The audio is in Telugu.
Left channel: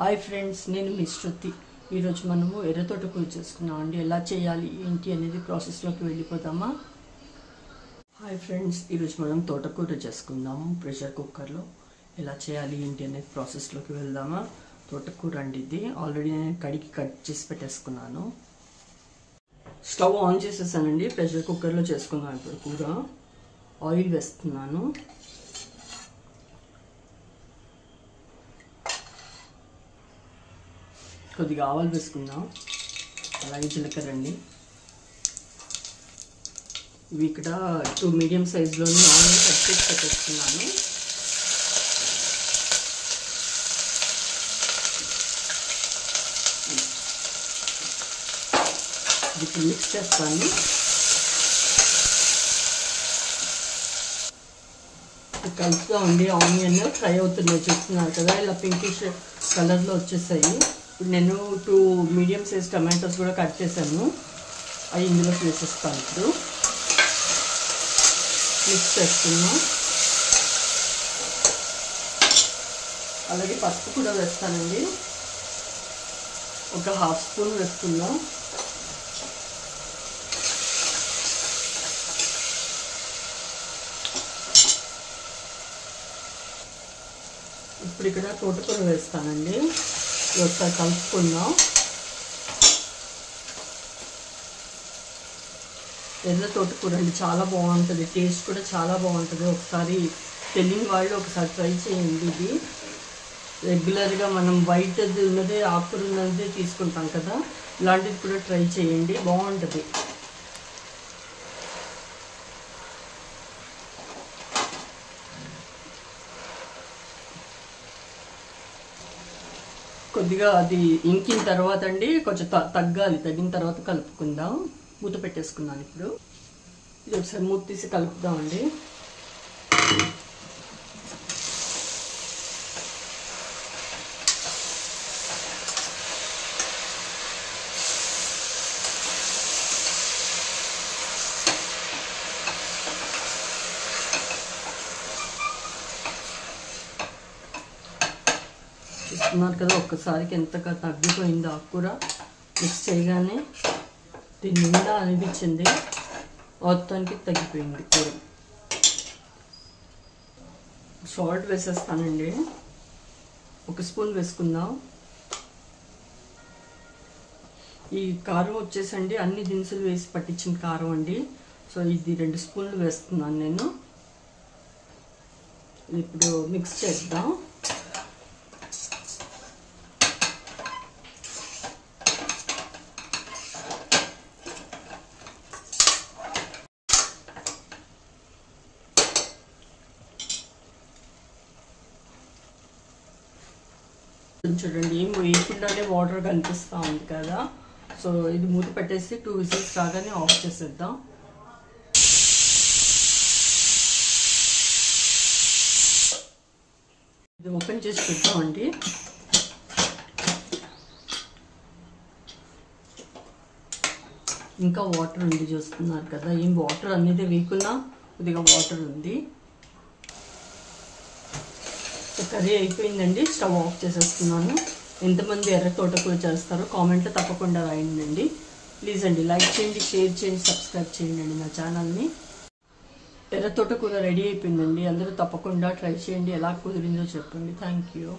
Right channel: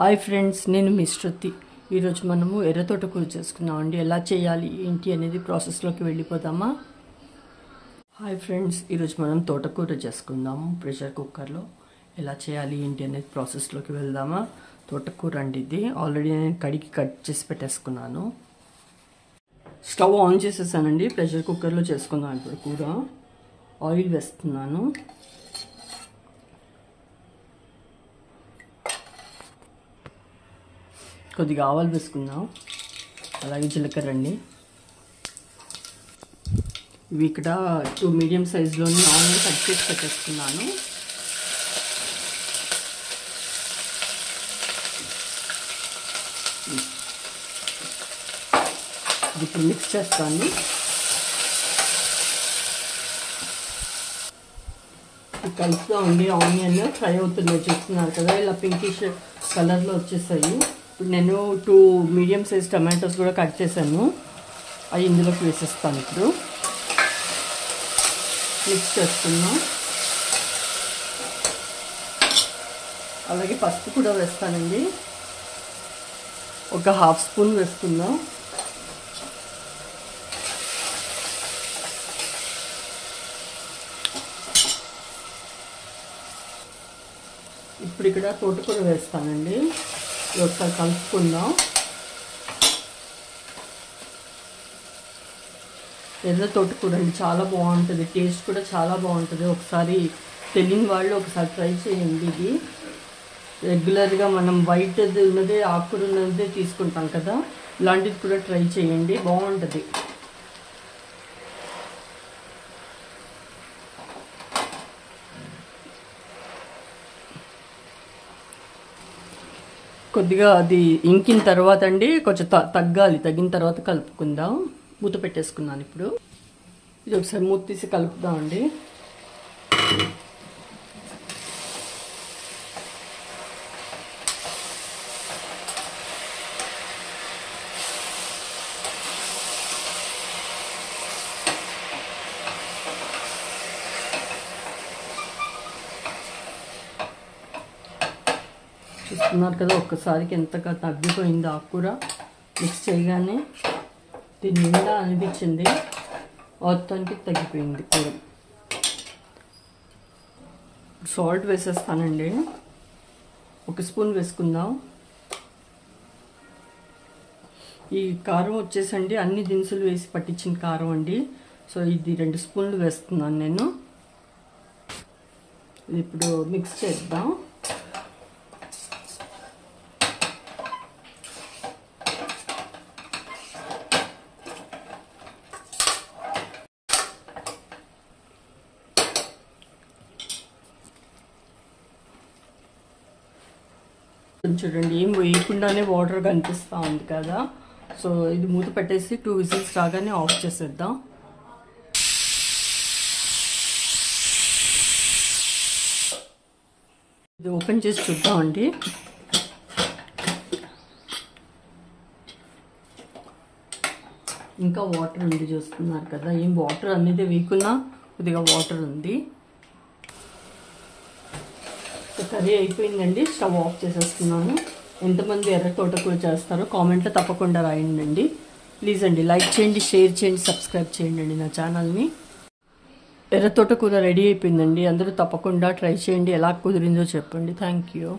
హాయ్ ఫ్రెండ్స్, నేను మీ శృతి. ఈరోజు మనము ఎర్ర తోటకూర చేసుకున్నాం అండి. ఎలా చేయాలి ఏంటి అనేది ప్రాసెస్లోకి వెళ్ళిపోదామా? హాయ్ ఫ్రెండ్స్, ఈరోజు మనం తోటకూర చేసుకుందాము ప్రెషర్ కుక్కర్లో. ఎలా చేయాలి ఏంటి అనేది ప్రాసెస్లోకి వెళ్దామా? తోటకూర అండి, ఇది ఆల్రెడీ నేను కడిగి కట్ చేసి పెట్టేసుకున్నాను. స్టవ్ ఆన్ చేసేసానండి. ప్రెషర్ కుక్కర్లో చేసుకుందాం ఇప్పుడు కూర. ఆయిల్ వేస్తున్నాను. కొద్దిగా ఆవాలు వేసుకుందాం, అలాగే జీలకర్ర అండి. ఇవి ఇక్కడ 2 మీడియం సైజులోని ఆనియన్ కట్ చేసి పెట్టేస్తున్నాను. ఇప్పుడు మిక్స్ చేస్తాను. కలుపుతామండి. ఆనియన్ ఫ్రై అవుతున్నాయి, చూస్తున్నారు కదా, ఇలా పింకిష్ కలర్లో వచ్చేసాయి. ఇప్పుడు నేను 2 మీడియం సైజ్ టమాటోస్ కూడా కట్ చేశాను, అవి ఇందులోకి వేసేస్తాను. ఇప్పుడు మిక్స్ చేస్తున్నాం. అలాగే పసుపు కూడా వేస్తానండి, ఒక 1/2 స్పూన్ వేసుకుందాం. ఇప్పుడు ఇక్కడ తోటకూర వేస్తానండి. ఒకసారి కలుపుకుందాం. ఎర్ర తోటకూర అండి, చాలా బాగుంటుంది, టేస్ట్ కూడా చాలా బాగుంటుంది. ఒకసారి తెలియని వాళ్ళు ఒకసారి ట్రై చేయండి. ఇది రెగ్యులర్గా మనం వైట్ ఉన్నదే ఆకుకూర ఉన్నదే తీసుకుంటాం కదా, ఇలాంటిది కూడా ట్రై చేయండి, బాగుంటుంది. కొద్దిగా అది ఇంకిన తర్వాత అండి కొంచెం తగ్గాలి, తగ్గిన తర్వాత కలుపుకుందాం. మూత పెట్టేసుకున్నాను. ఇప్పుడు ఇది ఒకసారి మూత తీసి కలుపుదామండి. చూస్తున్నారు కదా, ఒక్కసారికి ఎంతగా తగ్గిపోయింది ఆకుకూర. మిక్స్ చేయగానే దీని నిండా అనిపించింది, మొత్తానికి తగ్గిపోయింది కూర. సాల్ట్ వేసేస్తానండి, 1 స్పూన్ వేసుకుందాం. ఈ కారం వచ్చేసండి అన్ని దినుసులు వేసి పట్టించిన కారం అండి. సో ఇది 2 స్పూన్లు వేస్తున్నాను నేను. ఇప్పుడు మిక్స్ చేద్దాం. చూడండి, ఏం వేయకుండానే వాటర్ కనిపిస్తూ ఉంది కదా. సో ఇది మూత పెట్టేసి 2 విజిల్స్ రాగానే ఆఫ్ చేసేద్దాం. ఇది ఓపెన్ చేసి చూద్దామండి. ఇంకా వాటర్ ఉంది, చూస్తున్నారు కదా, ఏం వాటర్ అనేది వేయకున్నా కొద్దిగా వాటర్ ఉంది. కర్రీ అయిపోయిందండి, స్టవ్ ఆఫ్ చేసేస్తున్నాను. ఎంతమంది ఎర్ర తోటకూర చేస్తారో కామెంట్లో తప్పకుండా రాయండి. ప్లీజ్ అండి, లైక్ చేయండి, షేర్ చేయండి, సబ్స్క్రైబ్ చేయండి అండి నా ఛానల్ని. ఎర్ర తోటకూర రెడీ అయిపోయిందండి. అందరూ తప్పకుండా ట్రై చేయండి, ఎలా కుదిరిందో చెప్పండి. Thank you.